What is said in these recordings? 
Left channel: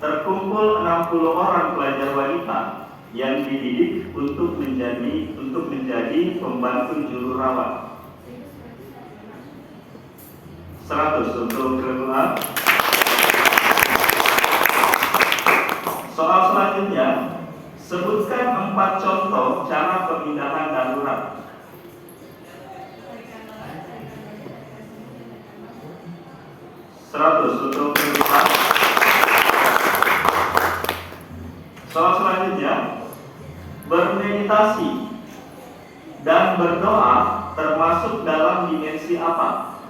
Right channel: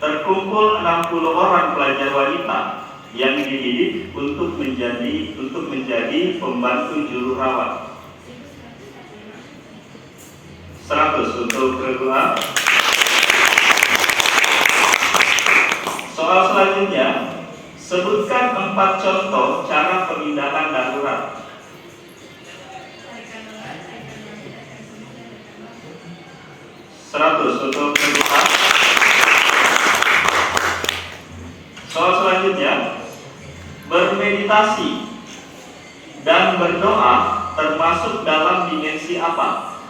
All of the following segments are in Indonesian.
terkumpul 60 orang pelajar wanita yang dididik untuk menjadi pembantu juru rawat. 100 untuk regu A. Soal selanjutnya, sebutkan 4 contoh cara pemindahan darurat. 100 untuk regu A. Soal selanjutnya, bermeditasi dan berdoa termasuk dalam dimensi apa?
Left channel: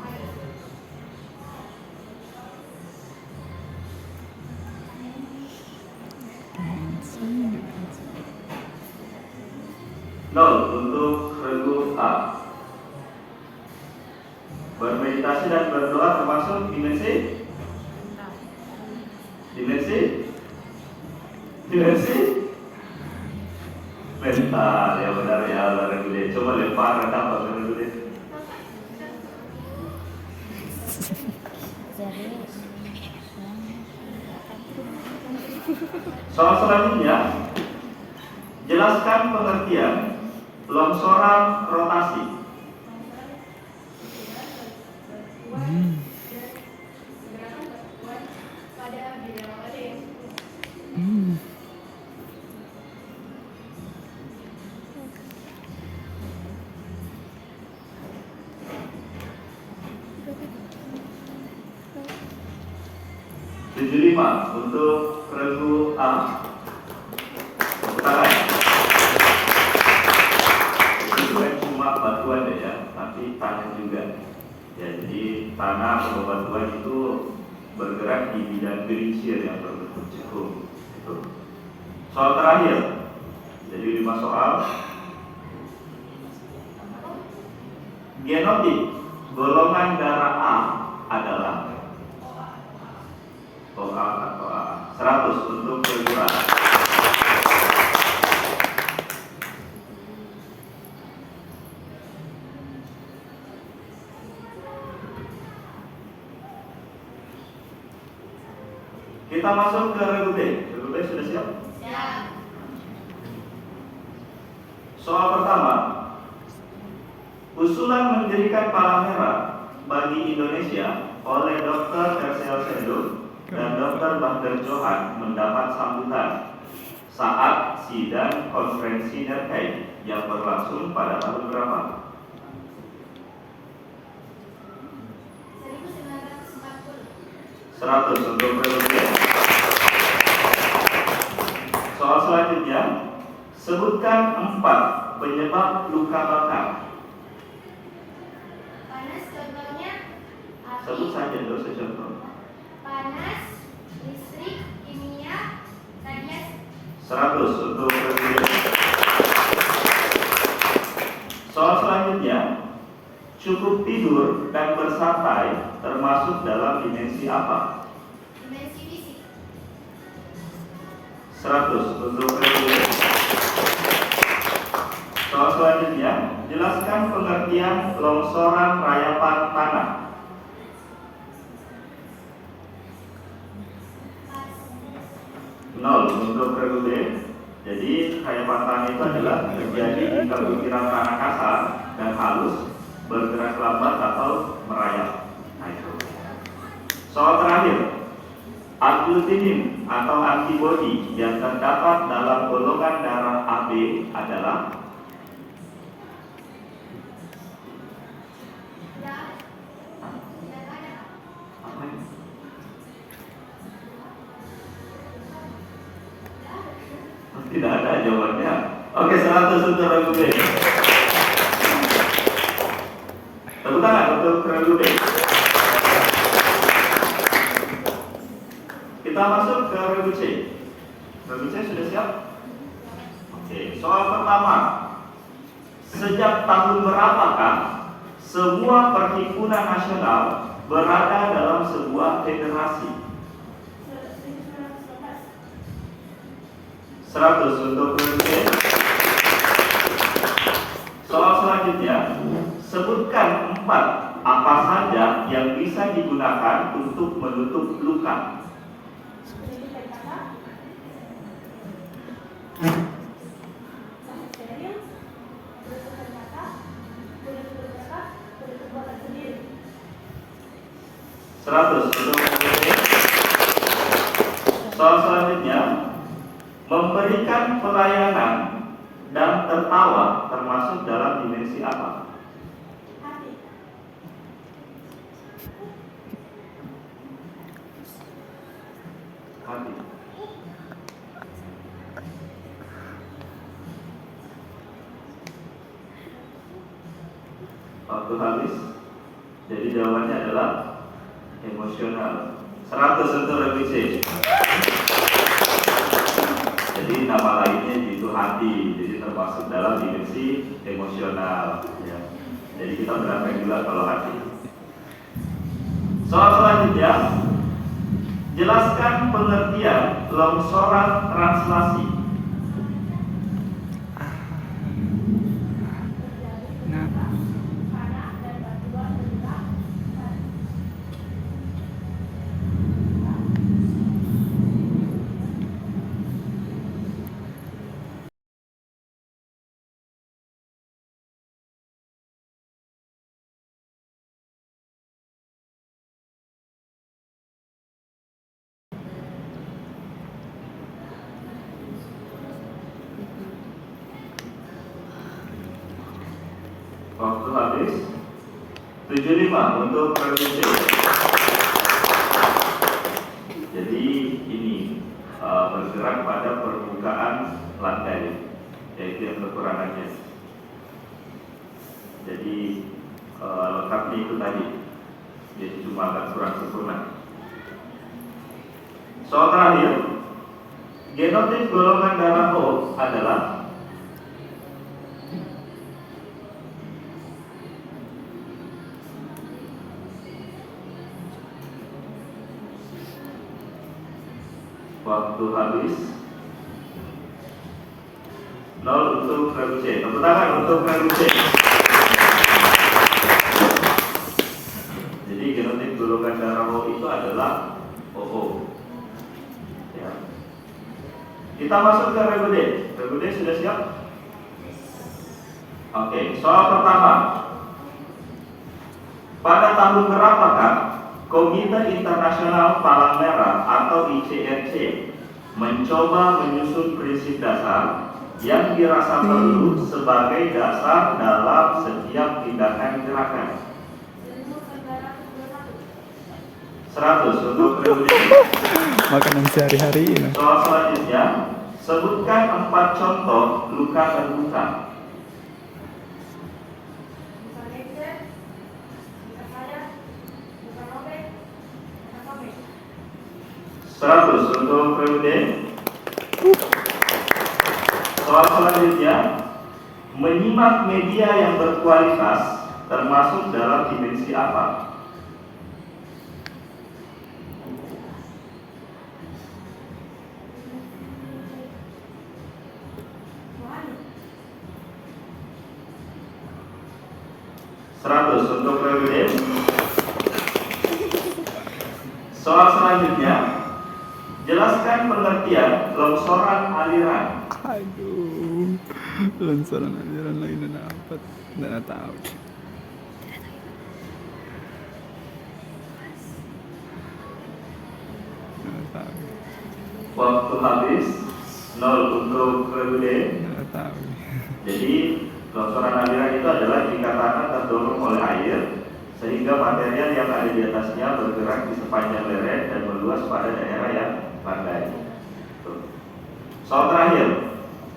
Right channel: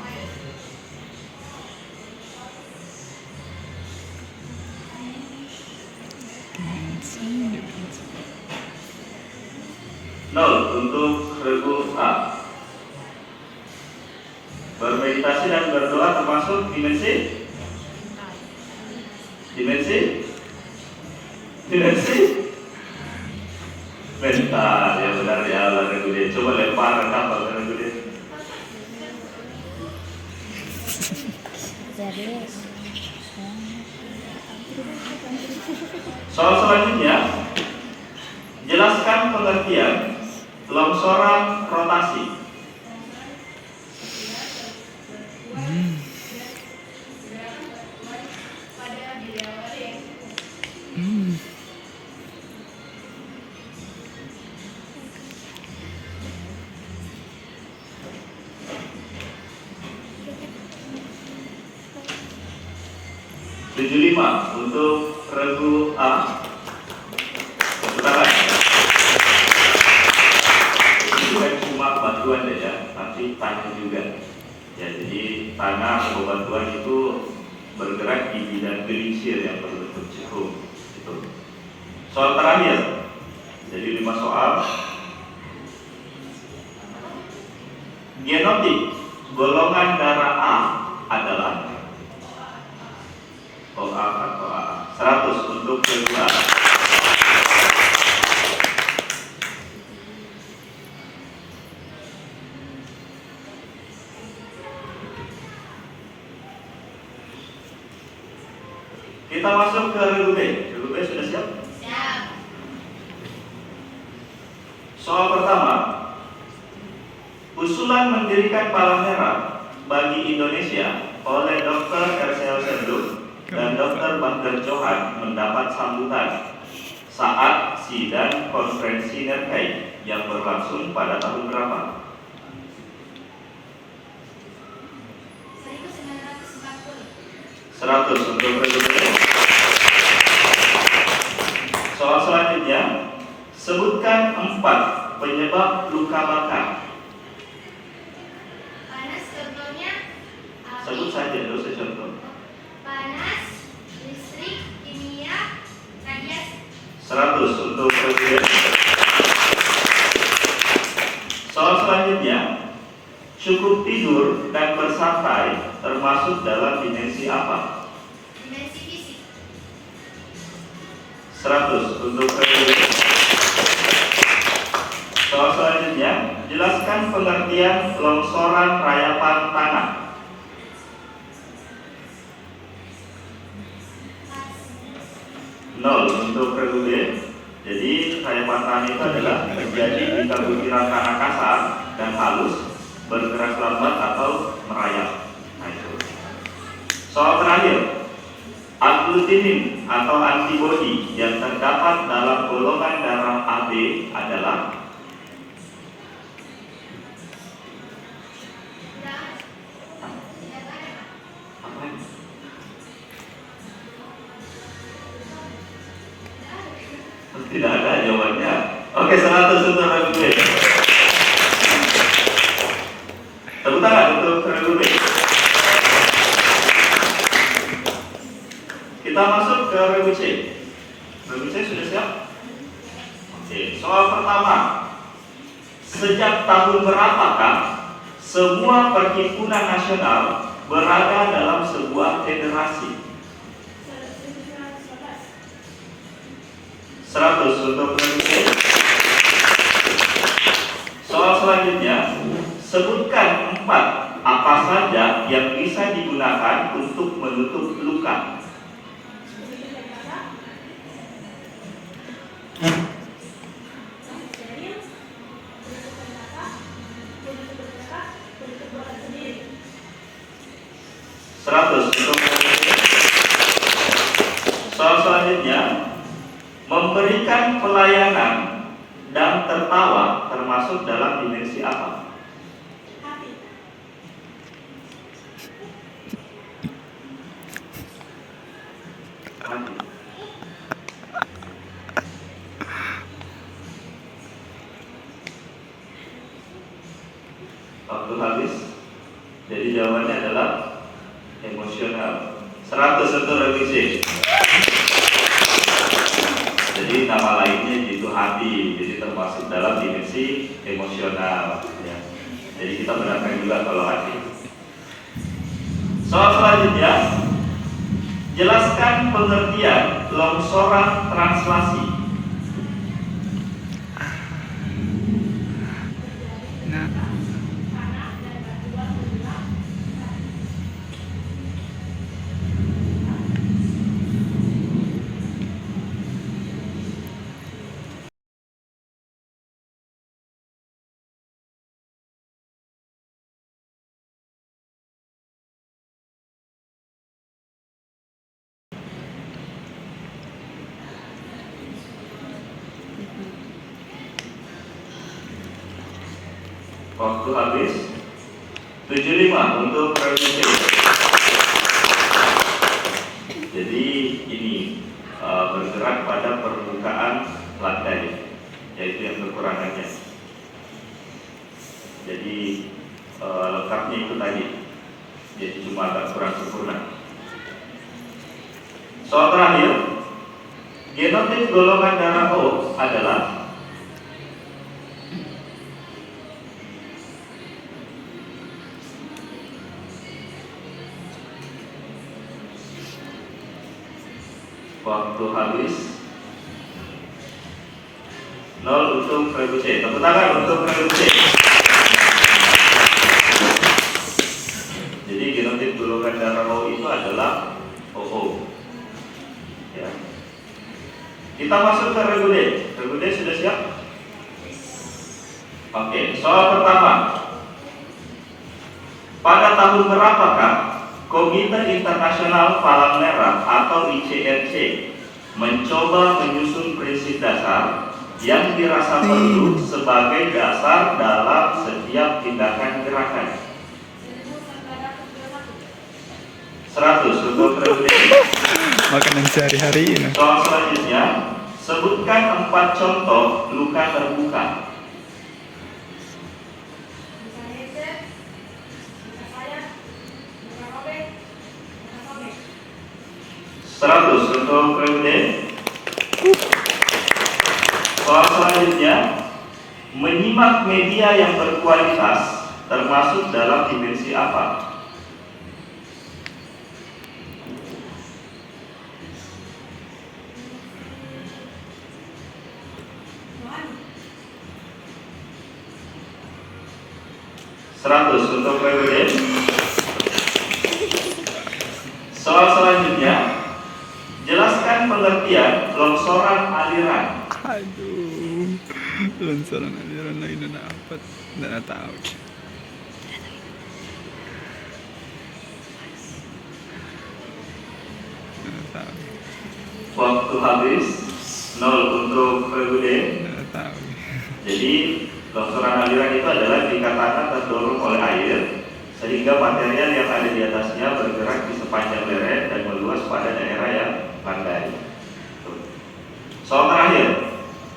Nol untuk regu A. Bermeditasi dan berdoa termasuk dimensi? Mental, ya benar ya Allah regu D. Coba lempar apa regu D. Soal selanjutnya, jelaskan pengertian longsoran rotasi. Tujuh 75 untuk regu A. Sebentar. Ini bukan cuma bantuan ya, tapi tanah juga. Ya, jadi tanah atau bantuan itu bergerak di bidang gelincir yang berbentuk jarum. Itu. Soal terakhir. Jadi 5 soal. Genotip golongan darah A adalah OA atau A. 100 untuk regu A. Kita masuk ke regu B. Regu B sudah siap? Siap. Soal pertama, usulan mendirikan Palang Merah bagi Indonesia oleh Dr. R.C.L. Senduk dan Dr. Baghdad Johan mendapat sambutan saat sidang konferensi Nerkei yang berlangsung pada tahun berapa? 100 untuk regu. Soal selanjutnya, sebutkan 4 penyebab luka bakar. Panas contohnya api. Sebut saja dulu secontoh. Panas, listrik, kimia, radiasi. 100 untuk regu. Soal selanjutnya, cukup tidur dan bersantai termasuk dalam dimensi apa? Dimensi fisik. 100 untuk regu. Soal selanjutnya, jelaskan pengertian longsoran rayapan tanah. Nol untuk regu B. Jadi rayapan tanah itu adalah terjadi jika butiran tanah kasar dan halus bergerak lambat atau merayap. Nah, itu. Soal terakhir, aglutinin atau antibodi yang terdapat dalam golongan darah AB adalah apa ini? Tidak ada jawabannya. Oke, 100 untuk regu B. Tepuk tangan untuk regu B. Kita masuk ke regu C. Regu C sudah siap? Oke, soal pertama. Sejak tahun berapakah semua perhimpunan nasional berada dalam sebuah federasi? 100 untuk regu C. Soal selanjutnya, sebutkan 4 apa saja yang bisa digunakan untuk menutup luka. 100 untuk soal selanjutnya, memberikan pelayanan dan tertawa termasuk dalam dimensi apa? Hati. Mati. Waktu habis. Jadi jawabannya adalah emosional. 100 untuk revisi. Jadi nama lainnya itu hati, jadi termasuk dalam dimensi emosional. Ya. Jadi kita bedakan juga kalau hati. Soal selanjutnya, jelaskan pengertian longsoran translasi. Nah, Tanah dan batuan bergerak. Waktu habis. 75 untuk revisi. Jadi ini bergerak pada permukaan lantai, yaitu yang kekurangannya. Jadi lengkapnya itu tadi, jadi cuma agak kurang sempurna. Soal terakhir, genotip golongan darah O adalah waktu habis. 0 untuk revisi. Tepuk tangan untuk revisi. Jadi genotip golongan darah O itu adalah OO. Ya. Kita masuk ke reguler. Reguler sudah siap? Oke, soal pertama. Pada tahun berapakah Komite Internasional Palang Merah atau ICRC mencoba menyusun prinsip dasar yang dirasa perlu sebagai dasar dalam setiap tindakan gerakan? 100 untuk revolusi. makanan sehari-hari ini. Soal selanjutnya, sebutkan 4 contoh luka terbuka. Bukan headset, bukan sayap, bukan robek, bukan sobek. 100 untuk revolusi. Soal selanjutnya, menyimak media yang berkualitas termasuk dalam dimensi apa? Rohani. 100 untuk revolusi. Soal selanjutnya, jelaskan pengertian longsoran aliran. Aduh, longsoran aliran lagi na dapat. Tidak tahu. Tidak tahu. Waktu habis. 0 untuk revolusi. Tidak tahu. Jadi longsoran aliran itu adalah dikatakan terdorong oleh air sehingga material yang ada di atasnya bergerak di sepanjang lereng dan meluas pada daerah yang landai. Soal terakhir,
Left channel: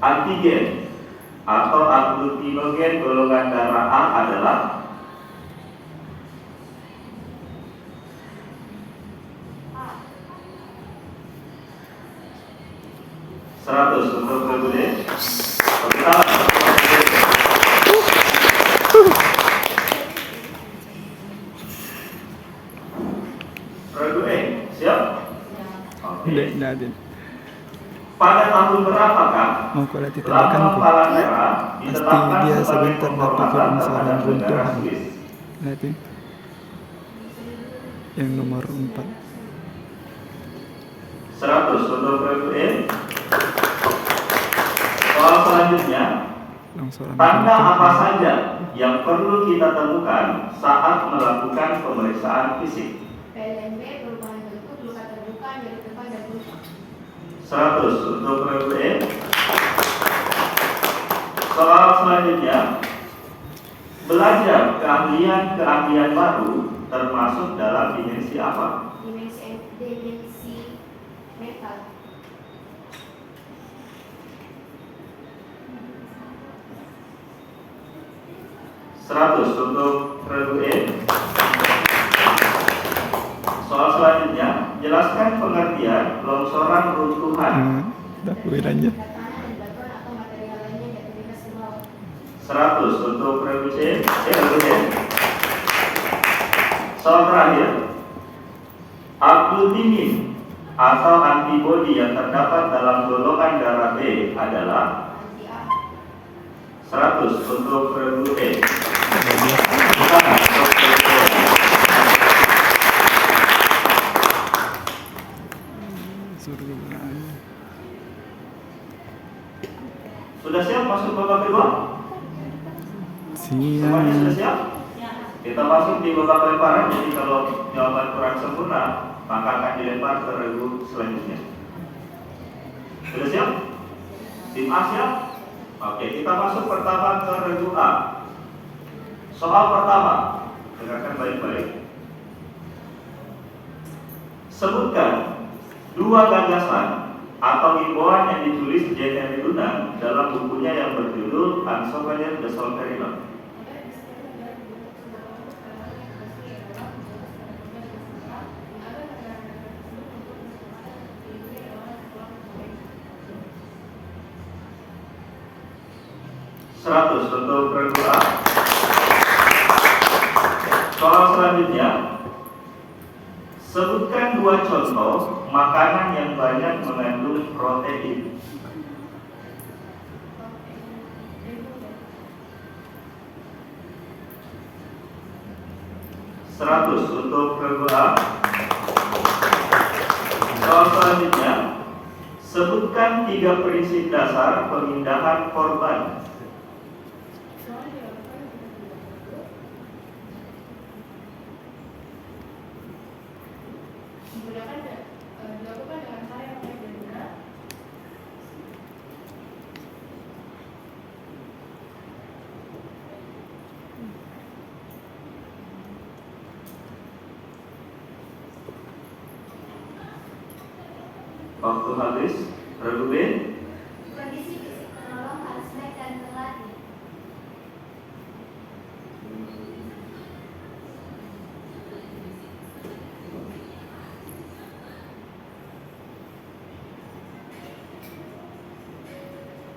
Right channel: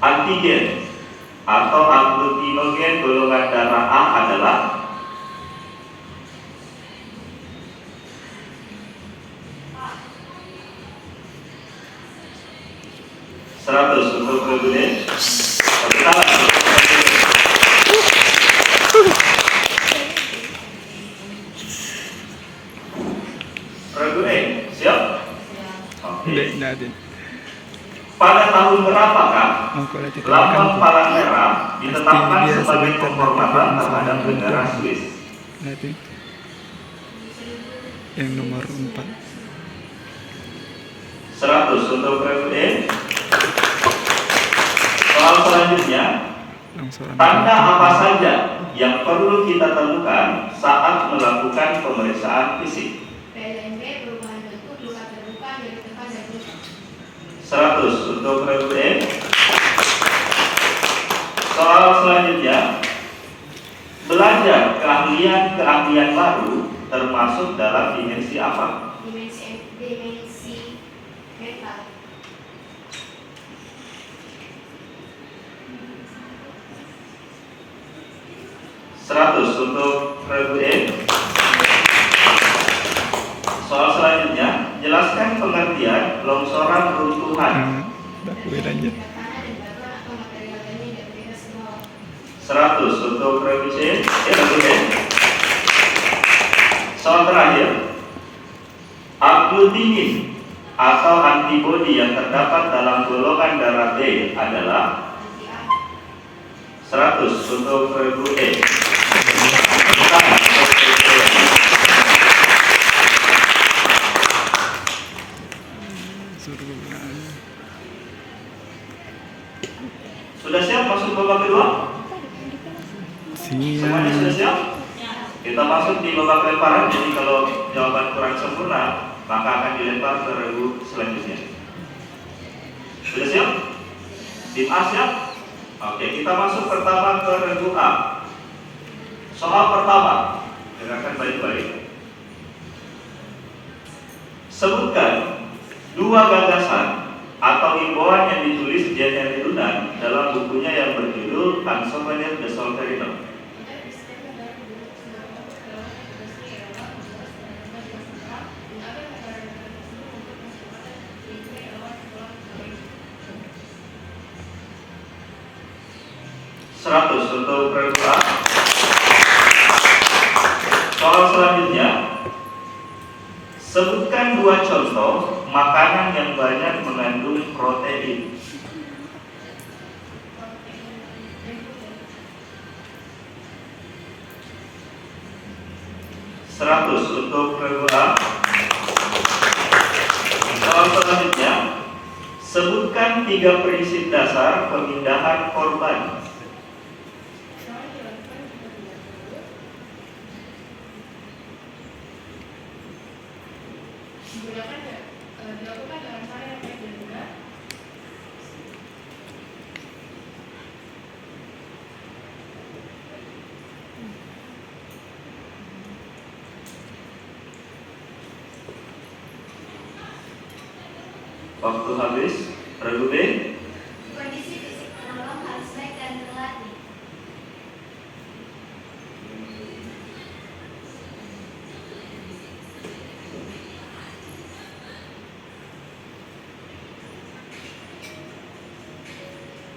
antigen atau agglutinogen golongan darah A adalah 100 untuk revolusi. Revolusi, siap? Oke. Tidak natin. Pada tahun berapakah Mau kulit itu lambang makan palang merah Pasti ditetapkan dia sebagai sebentar penghormatan dapat terhadap longsoran negara runtuhan. Swiss? Natin. Yang nomor 4. 100 untuk revolusi. Soal selanjutnya, Longsoran tanda runtuhan. apa saja yang perlu kita temukan saat melakukan pemeriksaan fisik? PLNB perubahan bentuk luka terbuka nyeri depan dan lutut. 100 untuk regu E. Soal selanjutnya, belajar keahlian baru termasuk dalam dimensi apa? Dimensi metal. 100 untuk regu E. Soal selanjutnya, jelaskan pengertian longsoran runtuhan. Dakwin aja. Tanah dan batuan atau material lainnya yang berbeda ke bawah. 100 untuk regu C. Regu E. Soal terakhir, agglutinin atau antibodi yang terdapat dalam golongan darah B adalah Anti A. 100 untuk regu E. Tangan untuk regu E. Suruh kegunaan. Sudah siap masuk babak kedua? Semuanya sudah Siap. siap? Kita masuk di babak lemparan. Jadi kalau jawaban kurang sempurna, maka akan dilempar ke regu selanjutnya. Sudah siap? Tim A siap? Oke, kita masuk pertama ke regu A. Soal pertama, dengarkan baik-baik. Sebutkan dua gagasan atau himbauan yang ditulis J.R. Luna dalam bukunya yang berjudul Un Souvenir de Solferino. Untuk regu A. Soal selanjutnya, sebutkan dua contoh makanan yang banyak mengandung protein. Untuk regu A. Soal selanjutnya, sebutkan 3 prinsip dasar pemindahan korban. Dilakukan dengan cara yang baik dan benar. Waktu habis. Regu B. Kondisi fisik penolong harus baik dan terlatih.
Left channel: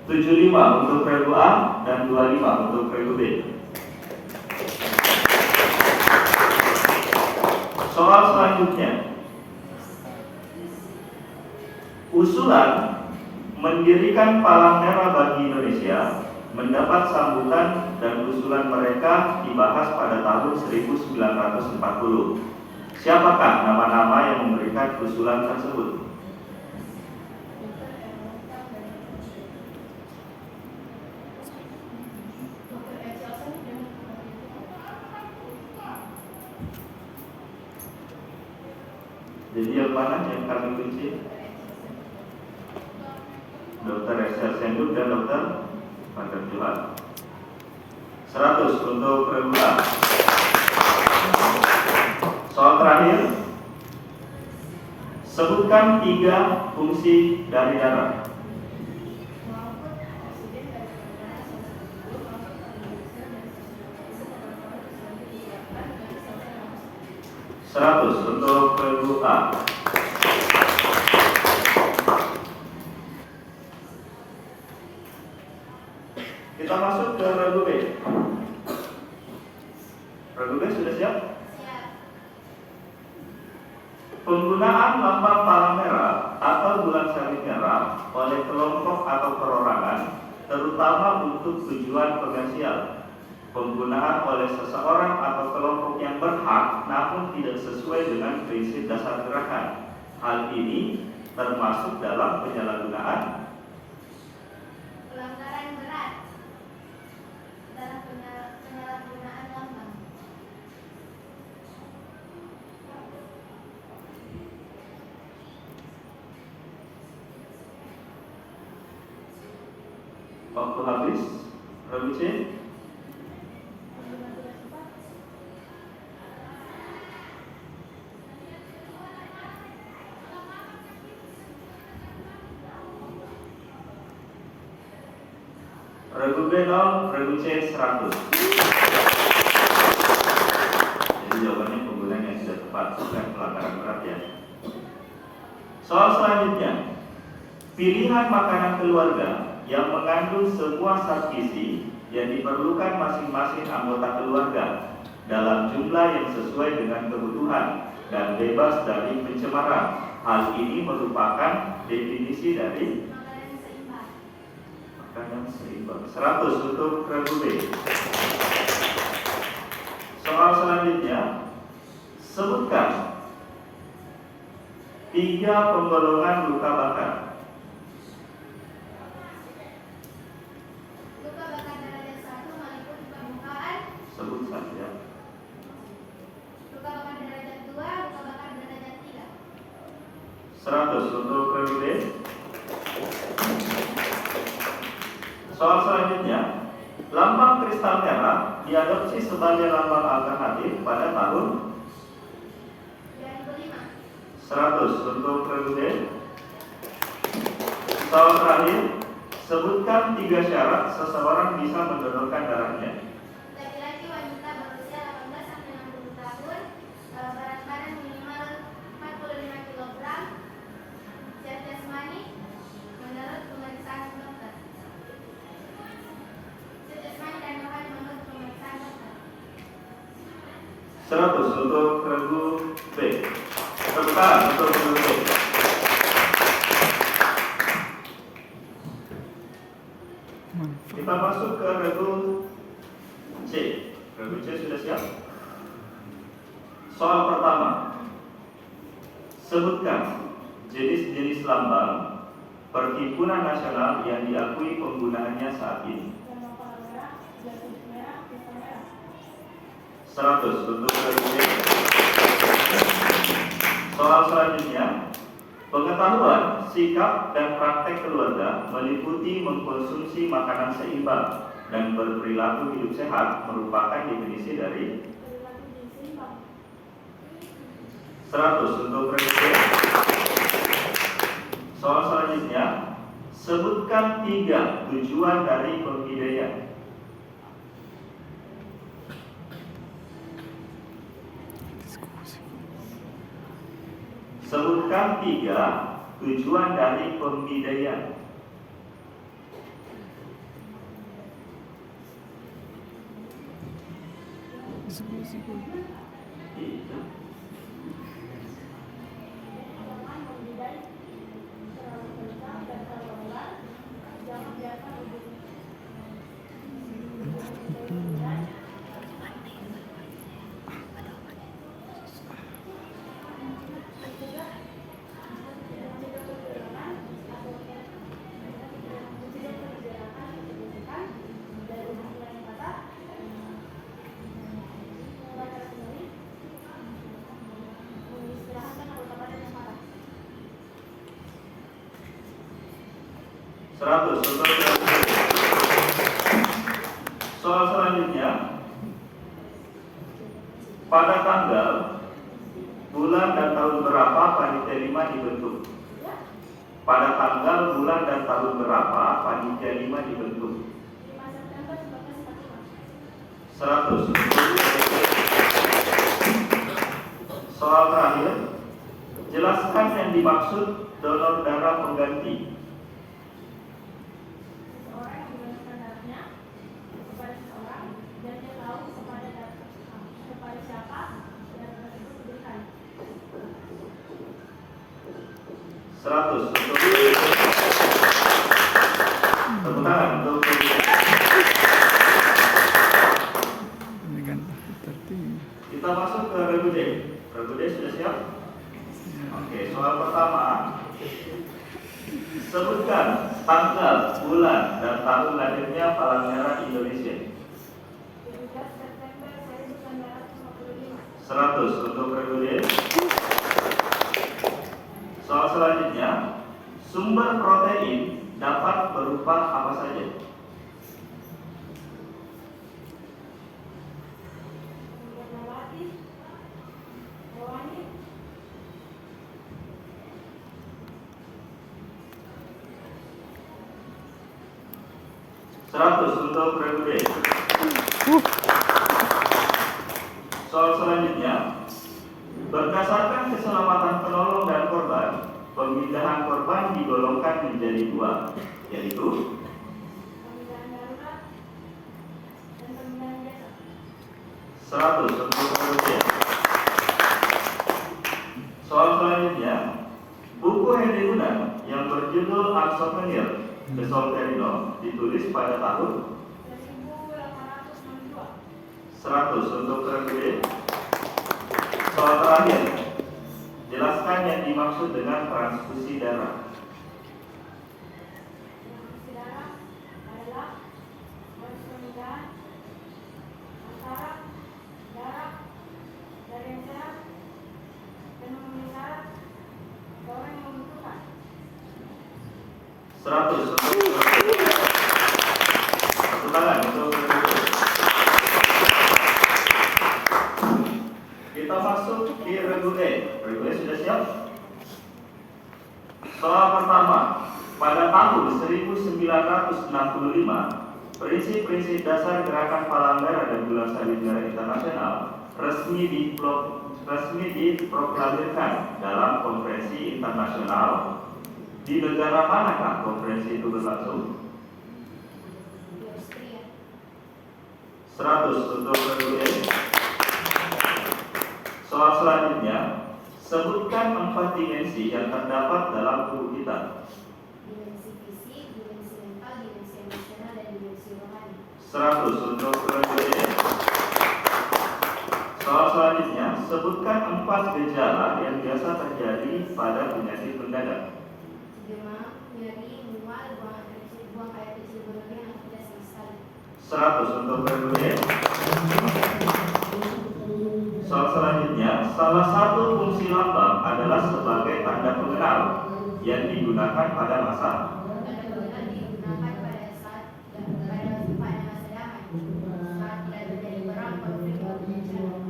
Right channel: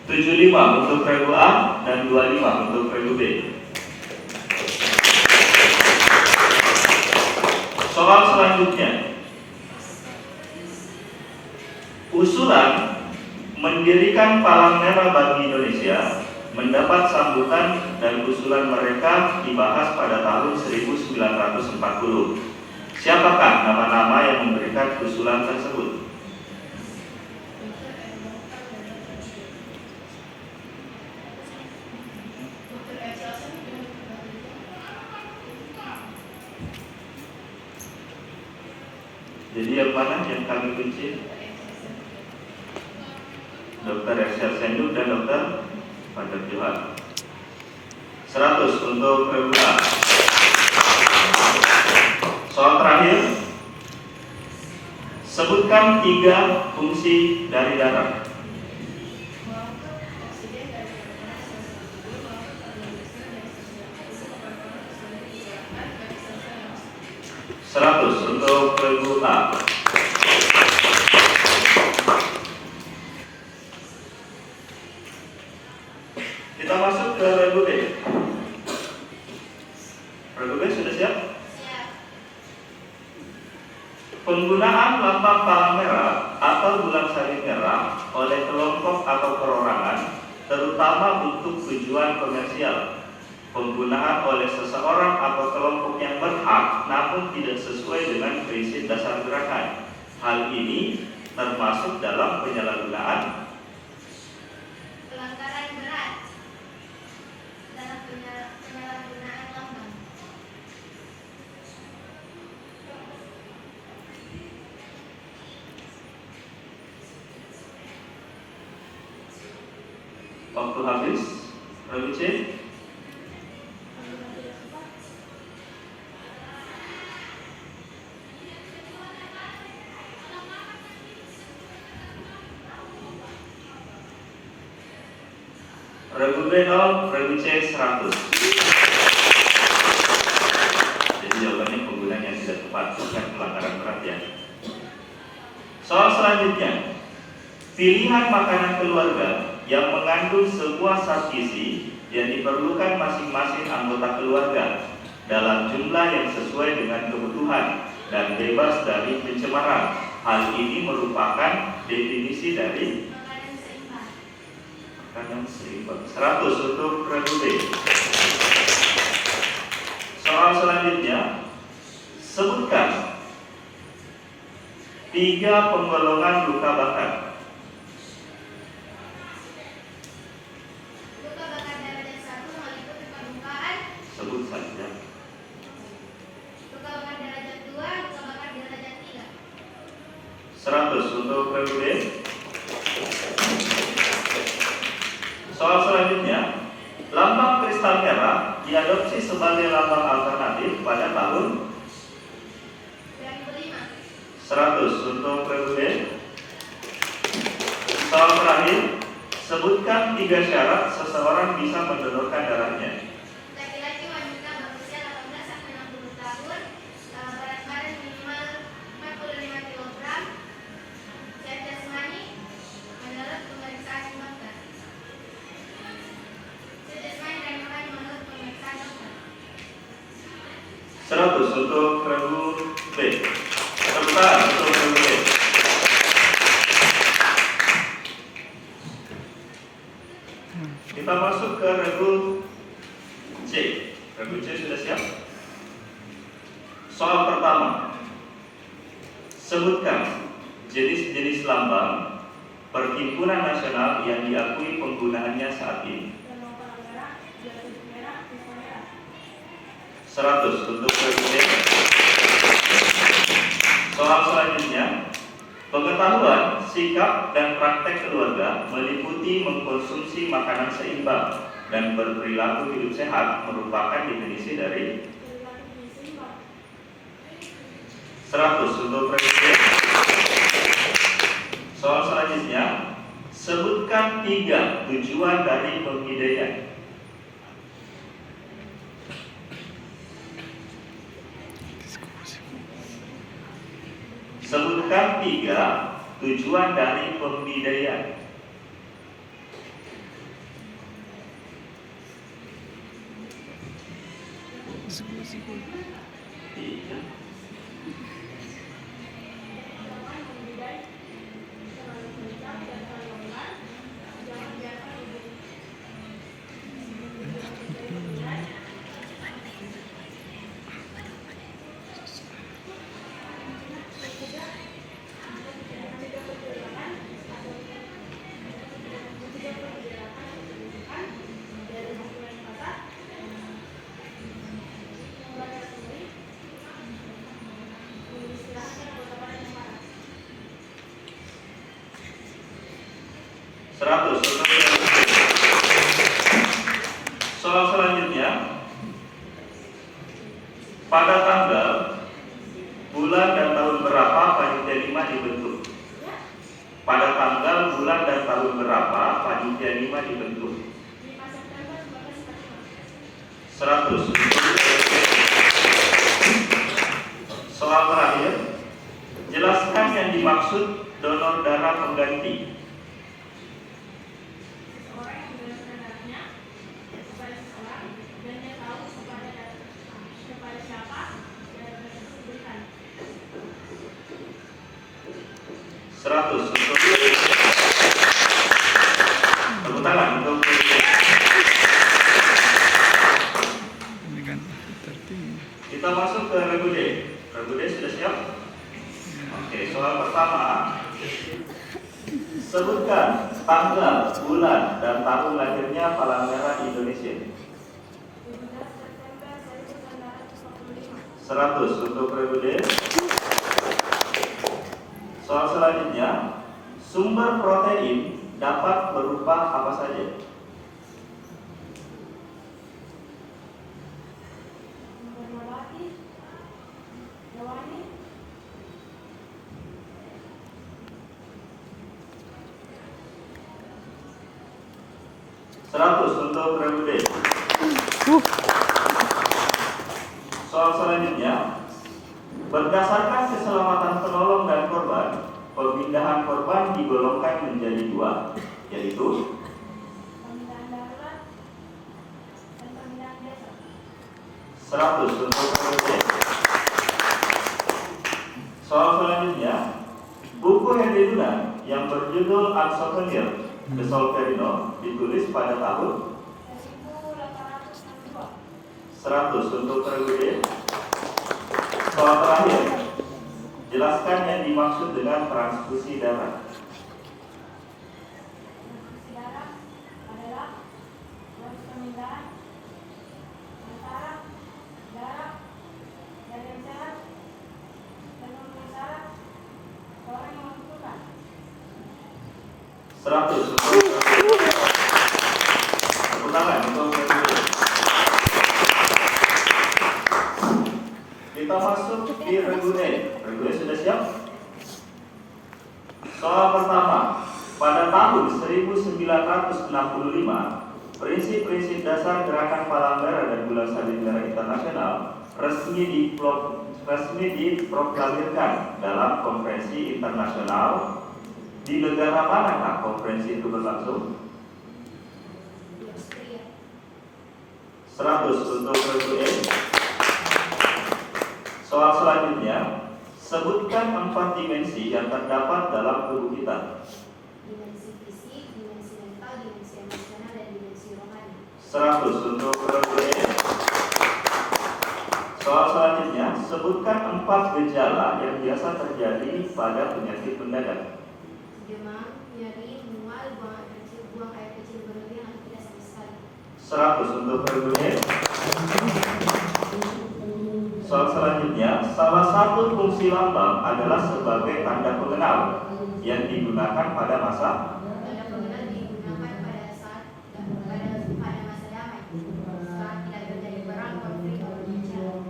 (75) untuk regu A dan 25 untuk regu B. Soal selanjutnya, usulan mendirikan Palang Merah bagi Indonesia mendapat sambutan dan usulan mereka dibahas pada tahun 1940. Siapakah nama-nama yang memberikan usulan tersebut? Jadi yang mana yang kami kunci? Dr. Excel Senduk dan Dr. Fajar Johan. 100 untuk regu A. Soal terakhir, sebutkan 3 fungsi dari darah. Untuk regu A. Kita masuk ke regu B. Regu B sudah siap? Siap. Penggunaan lambang palang merah atau bulan salib merah oleh kelompok atau perorangan, terutama untuk tujuan komersial. Penggunaan oleh seseorang atau kelompok yang berhak namun tidak sesuai dengan prinsip dasar gerakan. Hal ini termasuk dalam penyalahgunaan Pelanggaran berat dalam penyalahgunaan lambang. Waktu habis. Regu C. Regu B 0, regu C 100. Jadi jawabannya penggunaan yang tidak tepat, bukan pelanggaran berat ya. Soal selanjutnya, pilihan makanan keluarga yang mengandung sebuah zat gizi yang diperlukan masing-masing anggota keluarga dalam jumlah yang sesuai dengan kebutuhan dan bebas dari pencemaran. Hal ini merupakan definisi dari Makanan seimbang. makanan seimbang. 100 untuk regu B. Soal selanjutnya, sebutkan 3 penggolongan luka bakar. Luka bakar derajat 1 meliputi penglumpaan. Sebut saja. Luka bakar derajat 2, luka bakar derajat 3. 100 untuk regu B. Soal selanjutnya, lambang kristal merah diadopsi sebagai lambang alternatif pada tahun 2005. 100 untuk regu B. Soal terakhir, sebutkan 3 syarat seseorang bisa mendonorkan darahnya. Laki-laki wanita berusia 18 sampai 60 tahun, berat badan minimal 45 kg, sehat jasmani, menurut pemeriksaan dokter. Sehat jasmani dan rohani menurut pemeriksaan dokter. 100 untuk regu B. Tepuk tangan untuk regu B. Kita masuk ke regu C. Regu C sudah siap? Soal pertama, sebutkan jenis-jenis lambang Perhimpunan Nasional yang diakui penggunaannya saat ini. 100 untuk regu C. Soal selanjutnya, pengetahuan, sikap, dan praktek keluarga meliputi mengkonsumsi makanan seimbang dan berperilaku hidup sehat merupakan definisi dari 100 untuk regu C. Soal selanjutnya, sebutkan 3 tujuan dari pembidayaan. Sebutkan 3 tujuan dari pembidayaan. Tiga. Seratus. Soal selanjutnya, pada tanggal, bulan dan tahun berapa panitia 5 dibentuk? Pada tanggal, bulan dan tahun berapa panitia 5 dibentuk? 100. Soal terakhir, jelaskan yang dimaksud donor darah pengganti. Seratus. Tepuk tangan untuk kita masuk ke regu D. Regu D sudah siap? Oke, soal pertama. Sebutkan tanggal, bulan, dan tahun lahirnya Palang Merah Indonesia. 100 untuk regu D. Soal selanjutnya, sumber protein dapat berupa apa saja? 100 untuk regu D. Soal selanjutnya, berdasarkan keselamatan penolong dan korban, pemindahan korban digolongkan menjadi 2, yaitu Pemindahan darurat dan pemindahan desa. 100 untuk regu D. Soal selanjutnya, buku Henry Dunant yang berjudul Un Souvenir de Solferino ditulis pada tahun 1862. 100 untuk regu D. Soal terakhir, jelaskan yang dimaksud dengan transfusi darah. Transfusi darah adalah proses pemindahan antara darah dari yang sehat dan memenuhi syarat orang yang membutuhkan. 100 untuk regu D. Satu tangan untuk regu D. Kita masuk di regu E. Regu E sudah siap? Soal pertama, pada tahun 1965, prinsip-prinsip dasar Gerakan Palangga dan Gula Salin Darah Internasional resmi diproklamirkan dalam konferensi internasional. Di negara manakah konferensi itu berlangsung? Di Austria. 100 untuk regu E. Soal selanjutnya, sebutkan 4 dimensi yang terdapat dalam tubuh kita. Dimensi fisik, dimensi mental, dimensi emosional, dan dimensi rohani. 100 untuk regu E. Soal selanjutnya, sebutkan 4 gejala yang biasa terjadi pada penyakit mendadak. Demam, nyeri, mual, buang air kecil berlebihan atau tidak sama sekali. 100 untuk regu E. Soal selanjutnya, salah satu fungsi lambang adalah sebagai tanda pengenal yang digunakan pada masa. Tanda pengenal digunakan pada masa damai, saat tidak terjadi perang, konflik, atau bencana.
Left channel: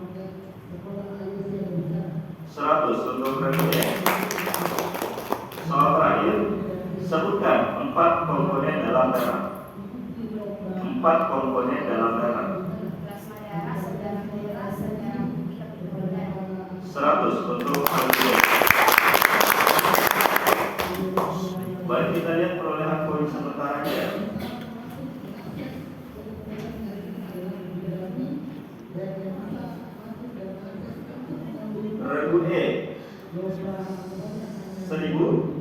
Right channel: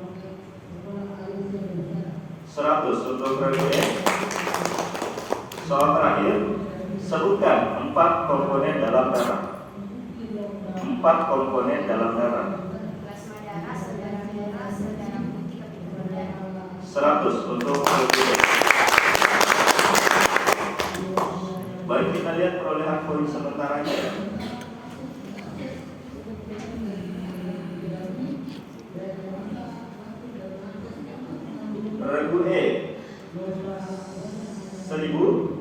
100 untuk regu E. Soal terakhir, sebutkan 4 komponen dalam darah. 4 komponen dalam darah. Plasma darah, sel darah merah, sel darah putih, kapitator darah. 100 untuk regu E. Baik, kita lihat perolehan poin sementaranya ya. Regu E 1000.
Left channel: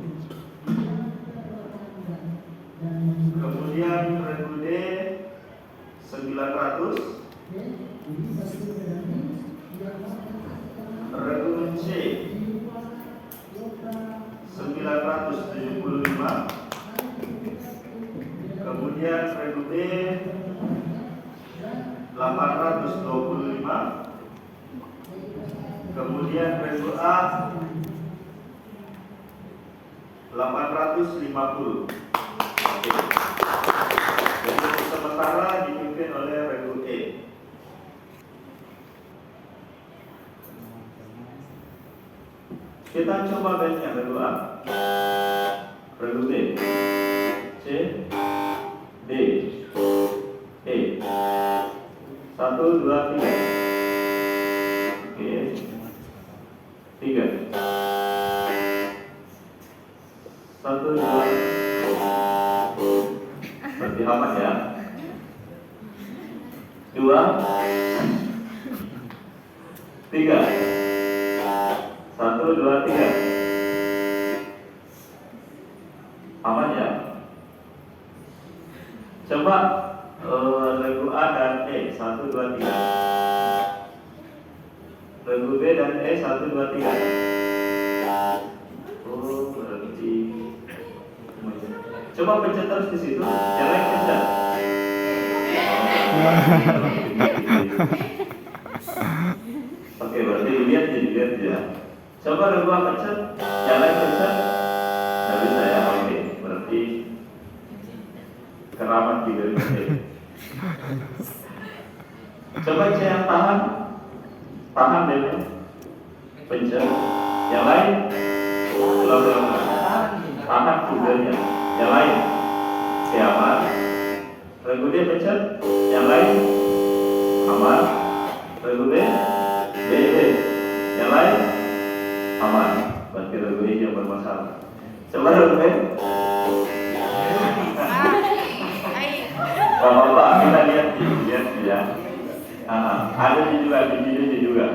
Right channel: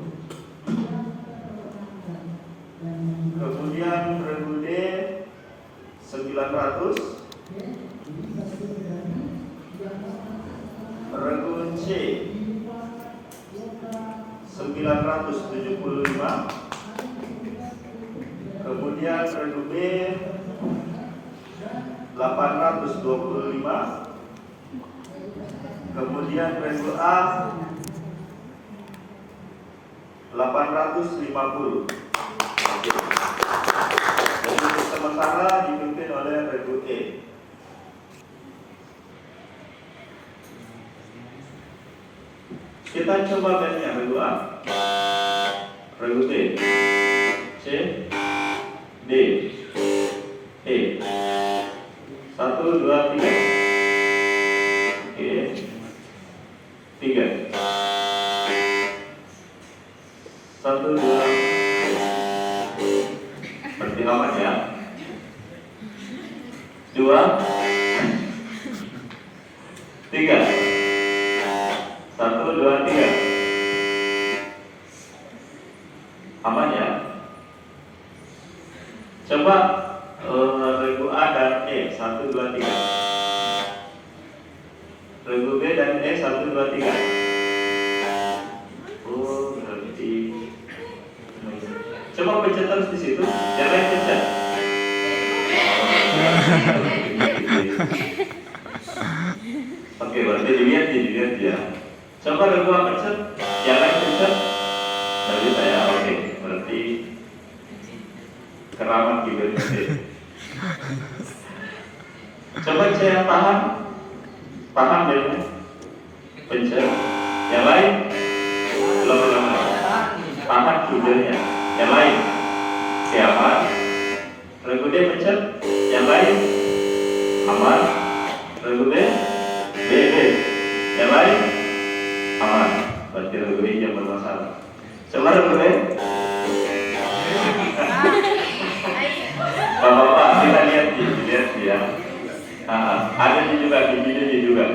Kemudian regu D 900. Regu C 975. Kemudian regu D 825. Kemudian regu A 850. Oke. Dan untuk sementara dipimpin oleh regu E. Kita coba baliknya regu A, regu B, C, D, E. 1, 2, 3. Oke. 3. 1, 2. Berarti aman ya. 2, 3. 1, 2, 3. Aman ya. Coba regu A dan E 1, 2, 3. Regu B dan E 1, 2, 3. Oh, berarti coba pencet terus di situ. Jangan pencet. Oke, berarti dilihat ya. Coba regu A pencet, jangan pencet. Dari saya oke, berarti keramat juga di sini. Coba saya tahan deh, pencet. Yang lain, ulang. Tahan kudanya. Yang lain, siapa? Regu D pencet. Yang lain aman. Regu B, B. Yang lain aman. Berarti regu D yang bermasalah. Coba regu B. Bapak-bapak kita lihat ya. Ada juga bijinya juga.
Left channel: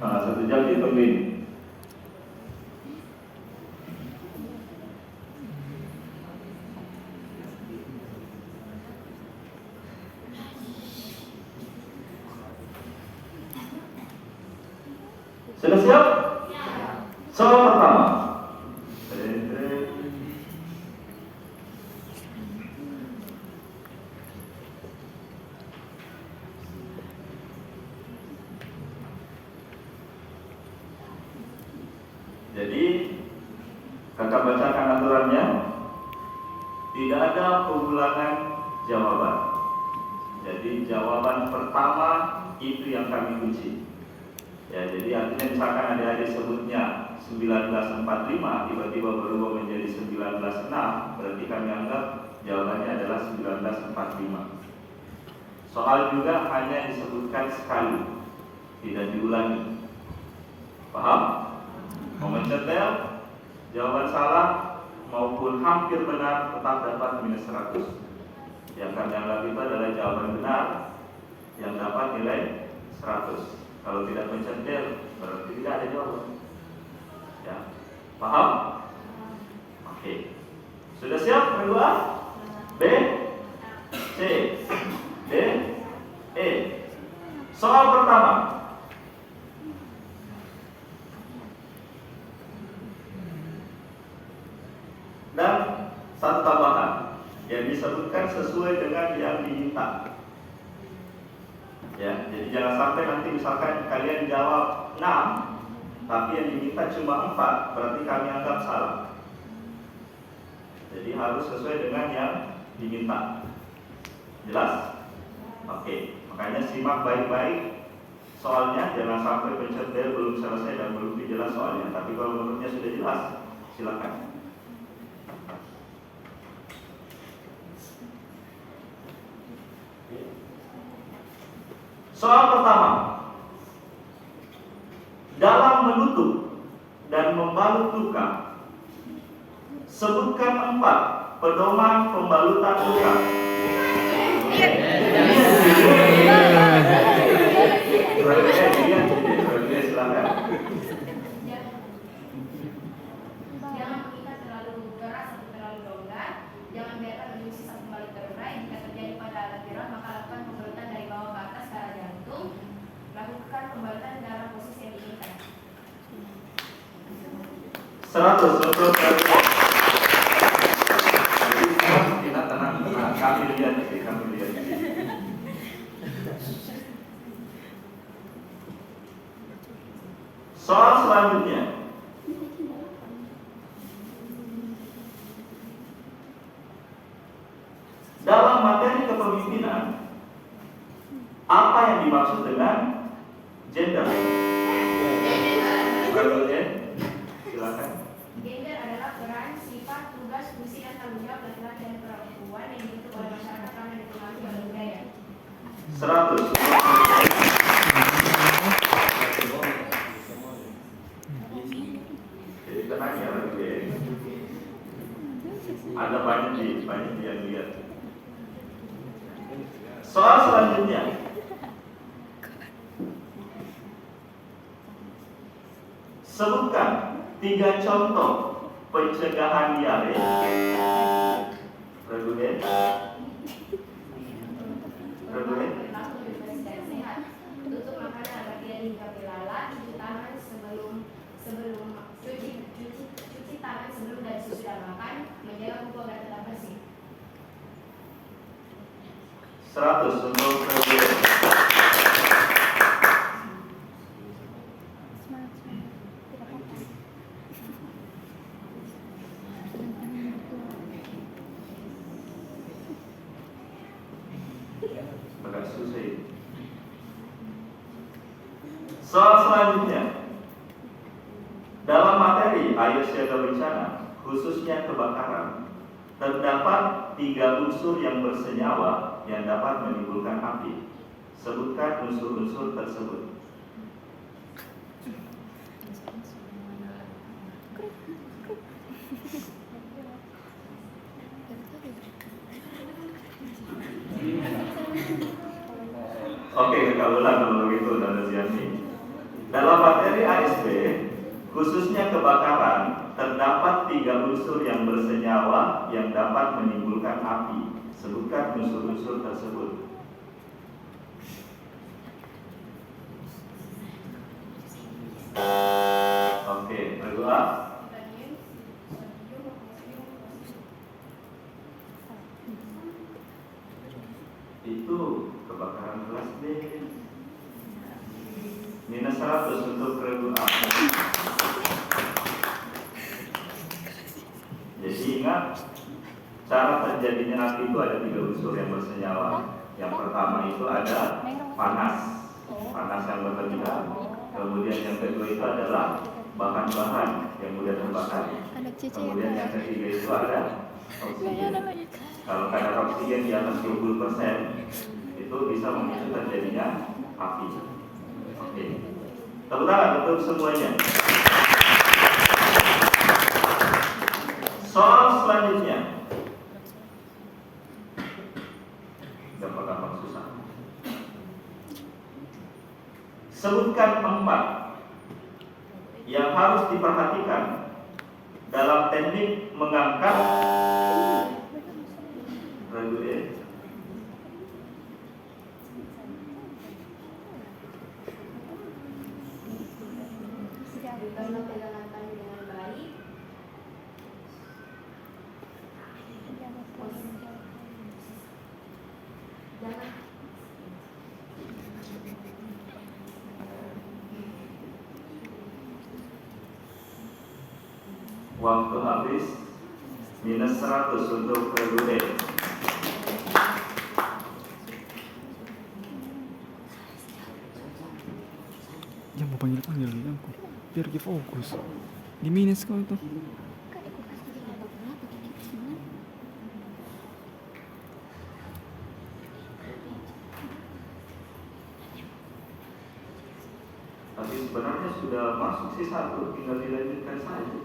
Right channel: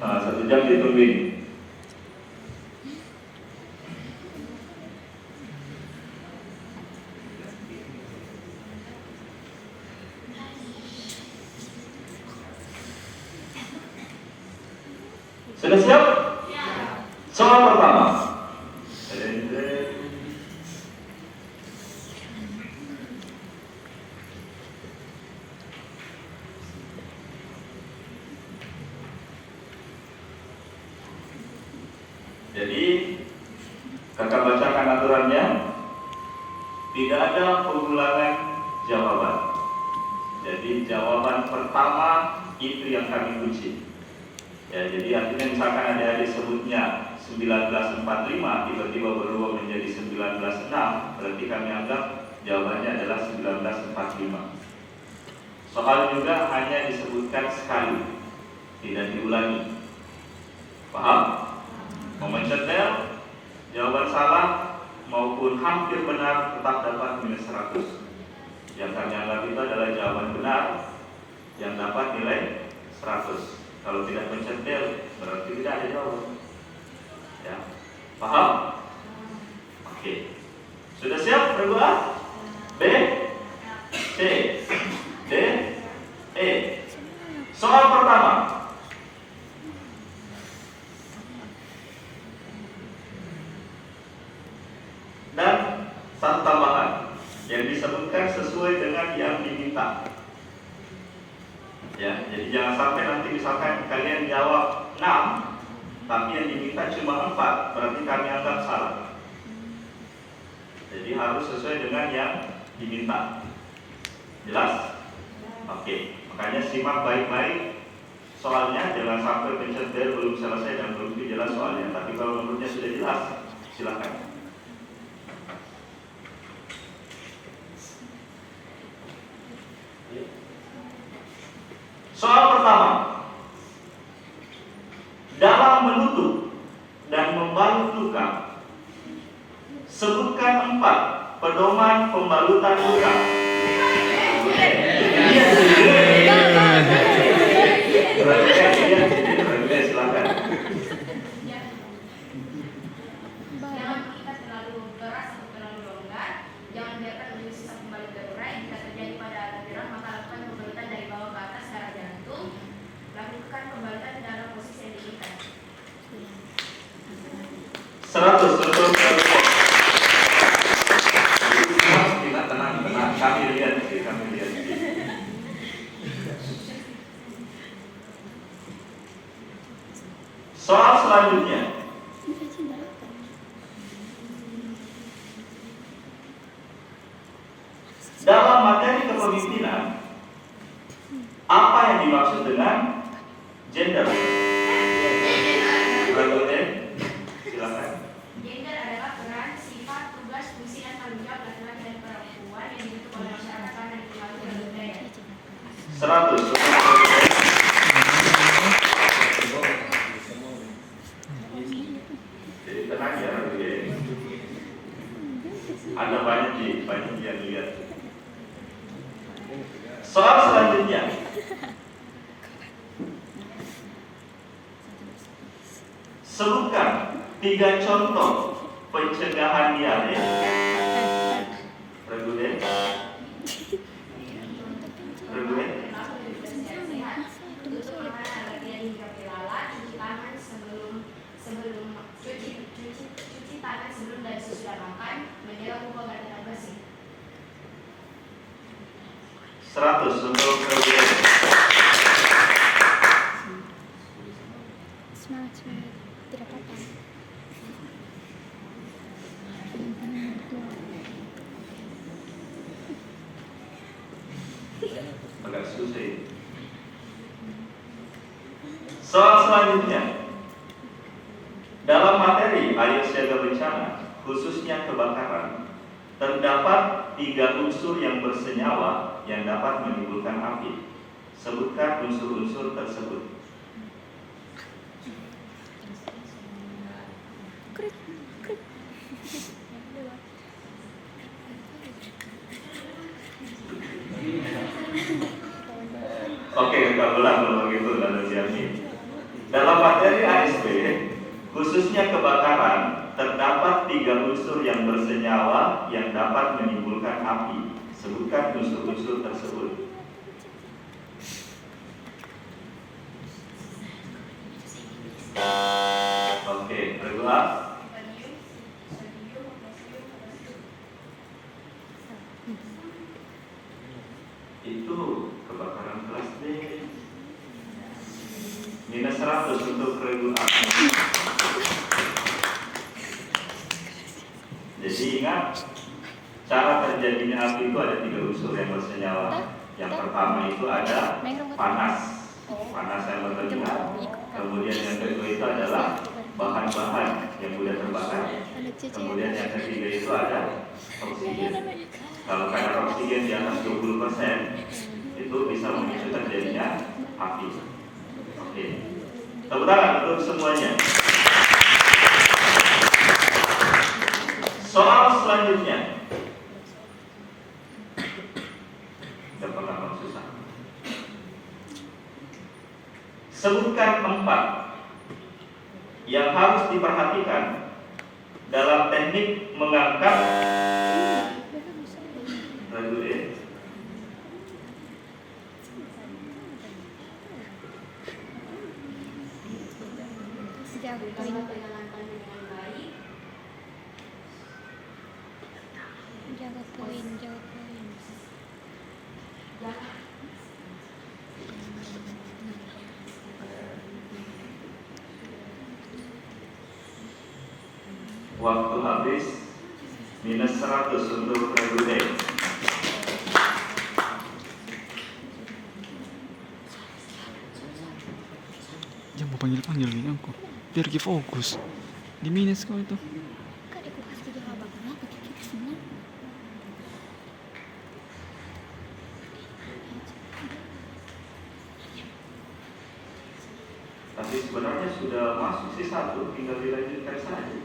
1 jam ditungguin. Sudah siap? Soal pertama. Jadi, kakak bacakan aturannya. Tidak ada pengulangan jawaban. Jadi jawaban pertama itu yang kami kunci. Ya, jadi artinya misalkan adik-adik sebutnya 1945 tiba-tiba berubah menjadi 1906, berarti kami anggap jawabannya adalah 1945. Soal juga hanya disebutkan sekali, tidak diulangi. Paham? Mau mencetel, jawaban salah maupun hampir benar tetap dapat minus 100. Yang kami anggap itu adalah jawaban benar yang dapat nilai 100. Kalau tidak mencetel, berarti tidak ada jawaban. Ya, paham? Oke. Sudah siap berdua? B, C, D, E. Soal pertama. Dan satu tambahan yang disebutkan sesuai dengan yang diminta. Ya, jadi jangan sampai nanti misalkan kalian jawab 6, tapi yang diminta cuma 4, berarti kami anggap salah. Jadi harus sesuai dengan yang diminta. Jelas? Oke, makanya simak baik-baik soalnya, jangan sampai pencetil belum selesai dan belum jelas soalnya. Tapi kalau menurutnya sudah jelas, silakan. Soal pertama. Dalam menutup dan membalut luka, sebutkan 4 pedoman pembalutan luka. Silakan. Jangan mengikat terlalu keras atau terlalu longgar. Jangan biarkan menjadi sisa pembalut terurai. Jika terjadi pada alat tiram, maka lakukan pembalutan dari bawah ke atas ke arah jantung. Lakukan pembalutan dalam posisi yang diinginkan. 100 untuk kita tenang. Kami lihat. Soal selanjutnya. Dalam materi kepemimpinan, apa yang dimaksud dengan gender? Silakan. Gender adalah peran, sifat, tugas, fungsi, dan tanggung jawab laki-laki dan perempuan yang dibentuk oleh masyarakat karena dipengaruhi oleh budaya. 100. Jadi tenang ya, ada banyak yang lihat. Soal selanjutnya. Sebutkan 3 contoh pencegahan diare. Reguler. Tutup makanan agar tidak hingga belalang. Cuci tangan sebelum cuci tangan sebelum dan sesudah makan. Menjaga kuku agar tetap bersih. 100 untuk reguler. Agak susah. Soal selanjutnya. Dalam materi air siaga bencana, khususnya kebakaran, terdapat 3 unsur yang bersenyawa yang dapat menimbulkan api. Sebutkan unsur-unsur tersebut. Oke, kita ulang kalau begitu dan Ziani. Dalam materi ASP, khususnya kebakaran, terdapat 3 unsur yang bersenyawa yang dapat menimbulkan api. Sebutkan unsur-unsur tersebut. Oke, berdoa. Itu kebakaran kelas D. Minus 100 untuk kedua. Jadi ingat, cara terjadinya api itu ada 3 unsur yang bersenyawa. Yang pertama itu ada panas, panas yang berlebihan. Kemudian yang kedua itu adalah bahan-bahan yang mudah terbakar. Kemudian yang ketiga itu ada oksigen. Kalau kadar oksigen di atas 20%, itu bisa memicu terjadinya api. Oke, tepuk tangan untuk semuanya. Soal selanjutnya. Dapat gampang susah. Sebutkan 4 yang harus diperhatikan dalam teknik mengangkat reguler. Waktu habis. Minus 100 untuk reguler. Jangan mau panggil-panggil gini aku. Biar kita fokus. Di minus kau itu. Tapi sebenarnya sudah masuk sih 1, tinggal dilanjutkan saja.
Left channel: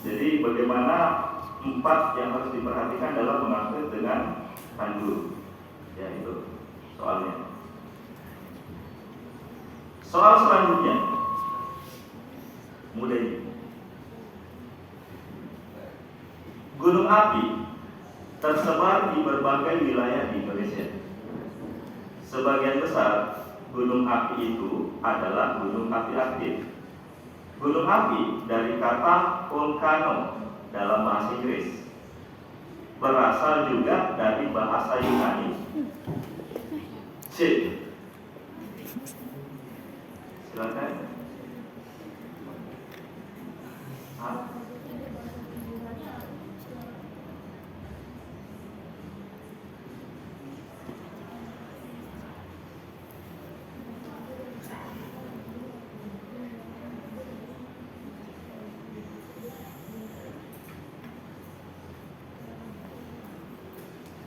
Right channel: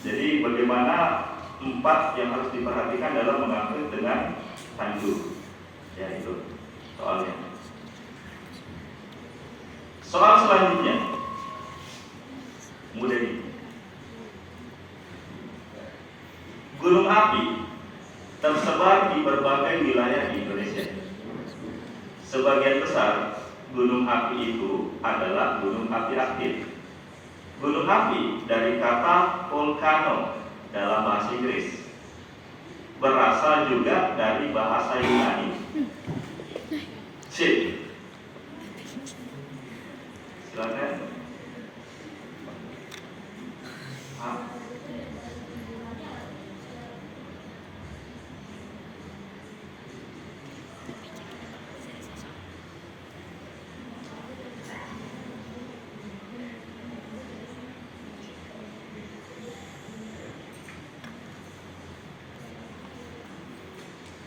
Jadi bagaimana 4 yang harus diperhatikan dalam mengangkut dengan tanjur. Ya itu soalnya. Soal selanjutnya mudah ini. Gunung api tersebar di berbagai wilayah di Indonesia. Sebagian besar gunung api itu adalah gunung api aktif. Gunung api dari kata volcano dalam bahasa Inggris, berasal juga dari bahasa Yunani. Silakan.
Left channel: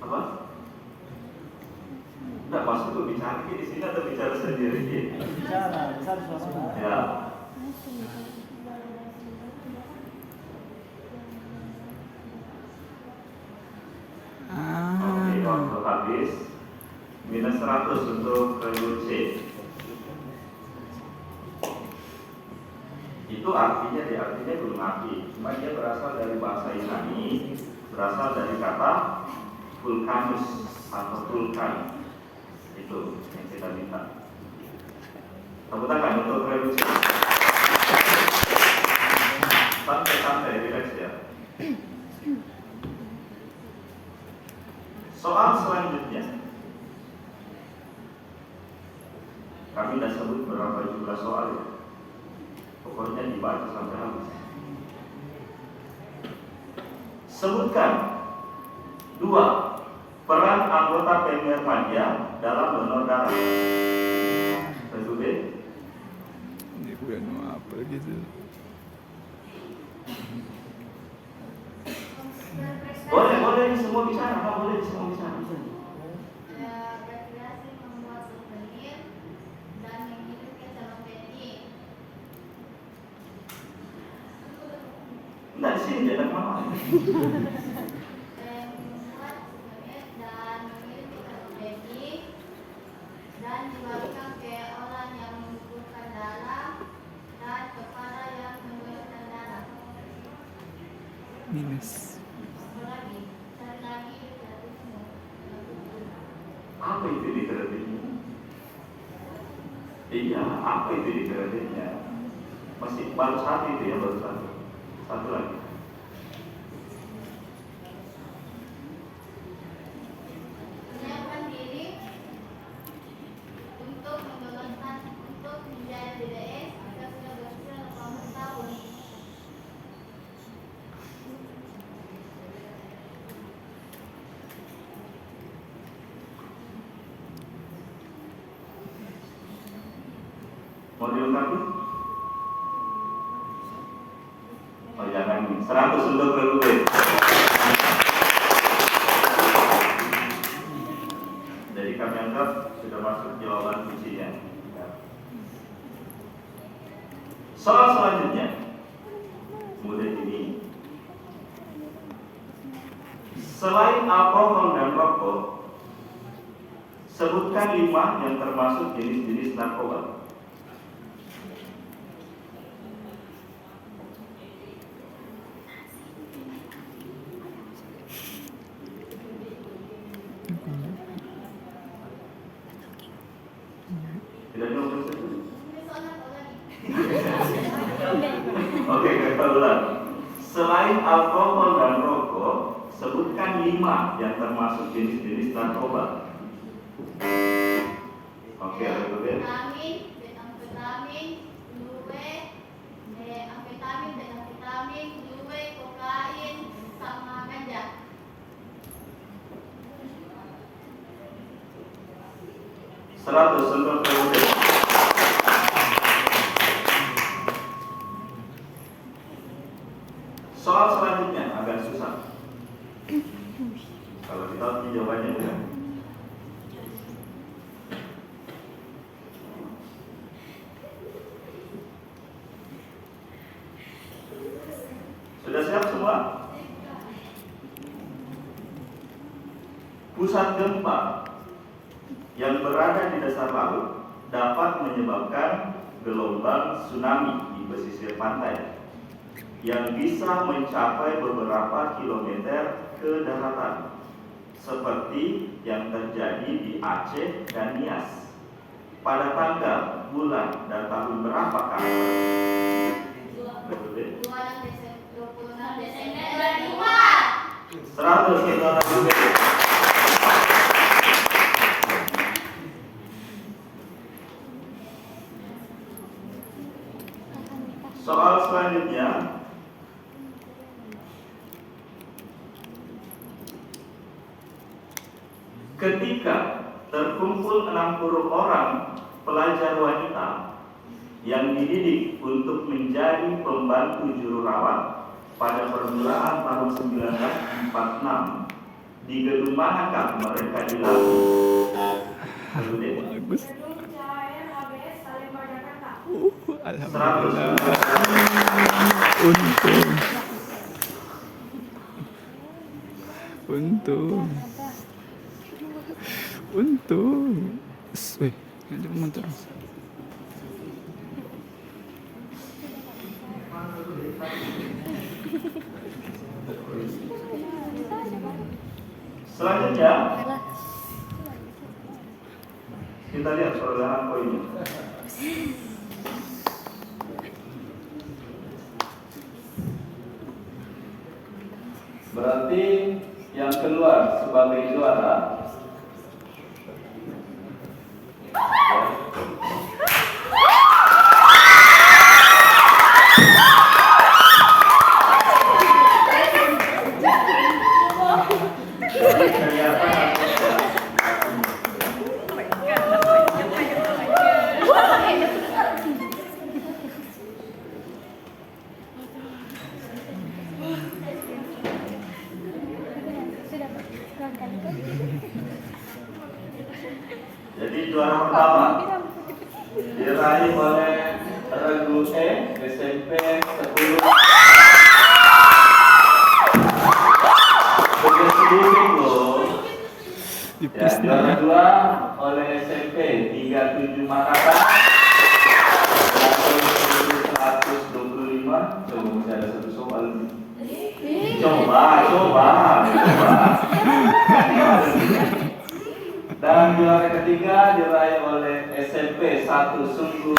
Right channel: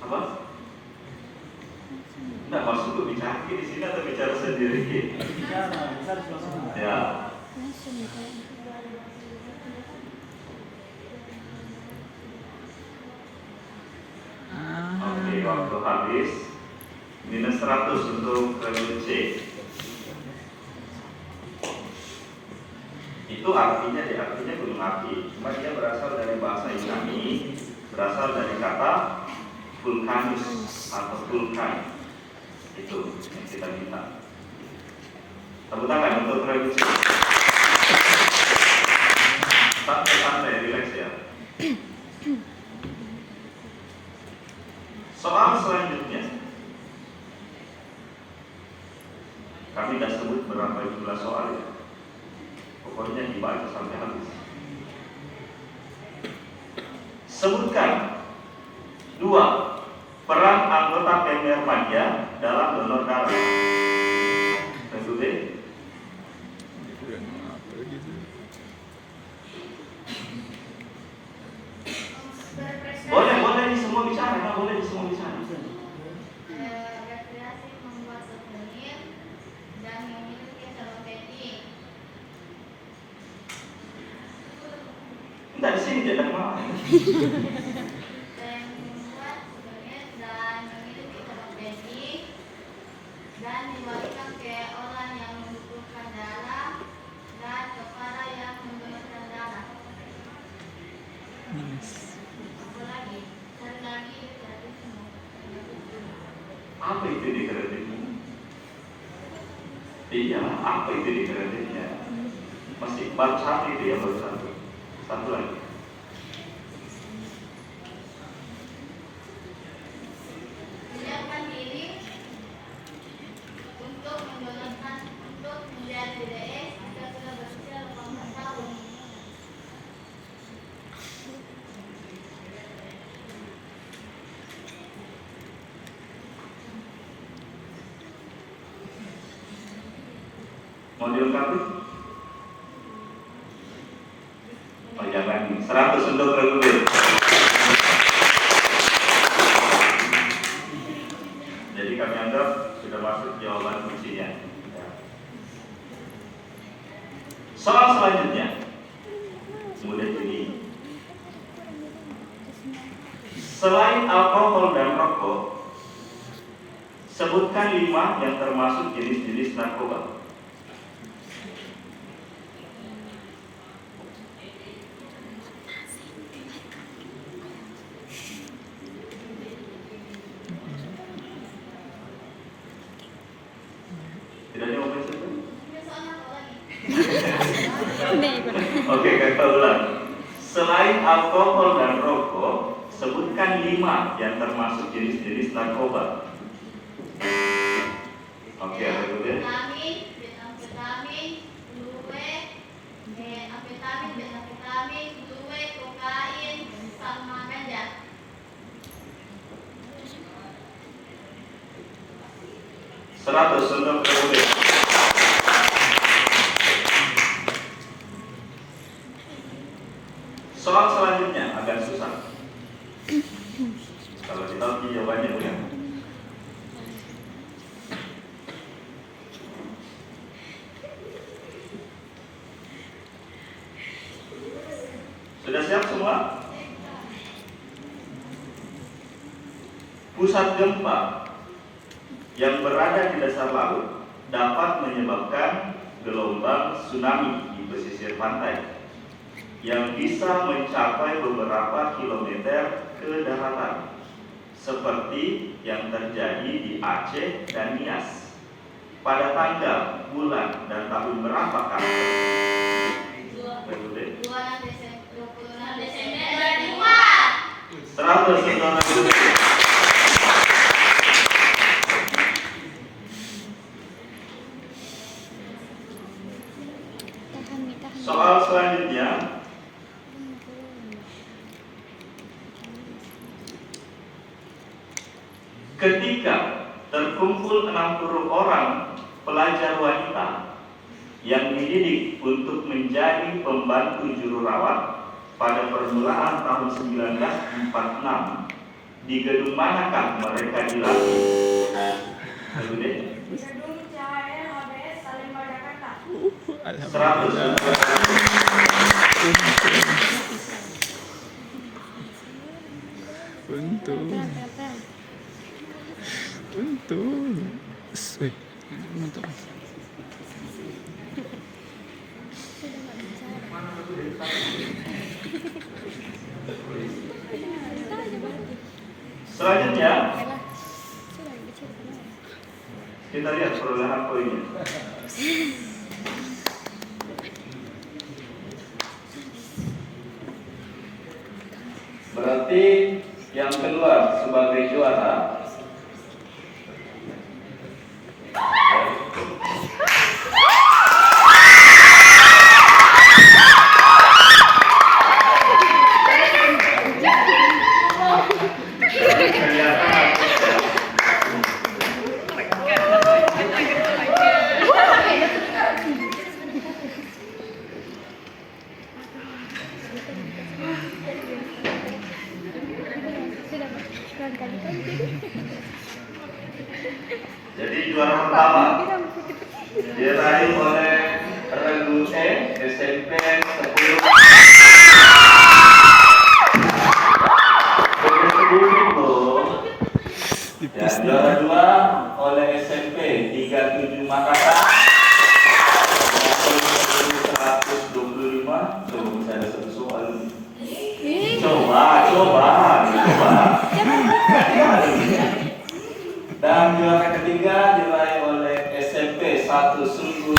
Apa? Nah, maksudku bicara di sini atau bicara sendiri? Bicara ya. Oke, waktu habis. Minus 100 untuk regu C. Itu artinya gunung api. Cuma dia berasal dari bahasa Yunani, berasal dari kata vulkanus atau vulkan. Itu yang kita minta. Tepuk tangan untuk regu C. Santai-santai, relax ya. Soal selanjutnya, kami sudah sebut berapa jumlah soal ya. Pokoknya dibaca sampai habis. Sebutkan 2 peran anggota PMI remaja dalam donor darah. Tentu B. Udah mau apa gitu. apa boleh semua bisa. Rekreasi membuat souvenir dan memiliki cabang wedding. Enggak, di sini tidak mau. Membuat souvenir dan memiliki cabang wedding dan dibagikan ke orang yang membutuhkan darah dan kepada yang membutuhkan darah. Minus. Apalagi cari lagi kreatifmu. Apa itu di kreatifnya? Iya, apa itu di kreatifnya? Masih baru satu itu ya, baru satu. Satu lagi. Menyiapkan diri untuk menjalankan untuk menjadi DDS jika sudah berusia 18 tahun. Mau dilengkapi? Oh jangan, 100 untuk reguler. Jadi kami anggap sudah masuk jawaban kuncinya. Ya. Soal selanjutnya, kemudian ini, selain alkohol dan rokok, sebutkan 5 yang termasuk jenis-jenis narkoba. Tidak ada yang saja. Soalnya apa lagi? Oke, kita ulang. Selain alkohol dan rokok, sebutkan 5 yang termasuk jenis-jenis narkoba. Oke, reguler. Amfetamin, metamfetamin, glue, amfetamin, metamfetamin, glue, kokain, sama ganja. Seratus untuk reguler. Soal selanjutnya agak susah. Kalau kita jawabannya udah. Sudah siap semua? Pusat gempa yang berada di dasar laut dapat menyebabkan gelombang tsunami di pesisir pantai yang bisa mencapai beberapa kilometer ke daratan, seperti yang terjadi di Aceh dan Nias. Pada tanggal, bulan, dan tahun berapakah? 26 Desember 2004. 100 saudara. Soal selanjutnya, ketika terkumpul 60 orang pelajar wanita yang dididik untuk menjadi pembantu juru rawat pada permulaan tahun 1946, di gedung manakah mereka dilatih? Gedung CHR HBS Salemba Jakarta. 100. Untung. Mantap. Selanjutnya, kita lihat perolehan poinnya. Berarti yang keluar sebagai juara Jadi juara pertama diraih oleh Regu E SMP 10. Begitu loh. Ya, juara 2 oleh SMP 37 Makassar. Level 125. Coba bisa ada satu soal. Coba. Dan juara ketiga diraih oleh SMP 1 Sungguh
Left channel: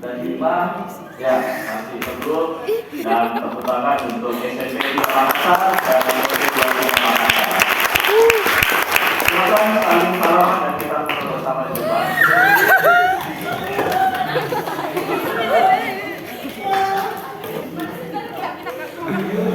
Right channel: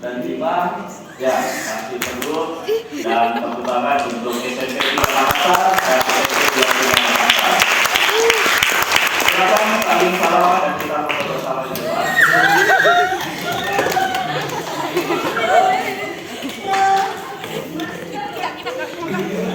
dan 5 ya masih perlu dan perkembangan untuk SMP 3 Makassar dan SMP 25 Makassar. Silakan saling salaman.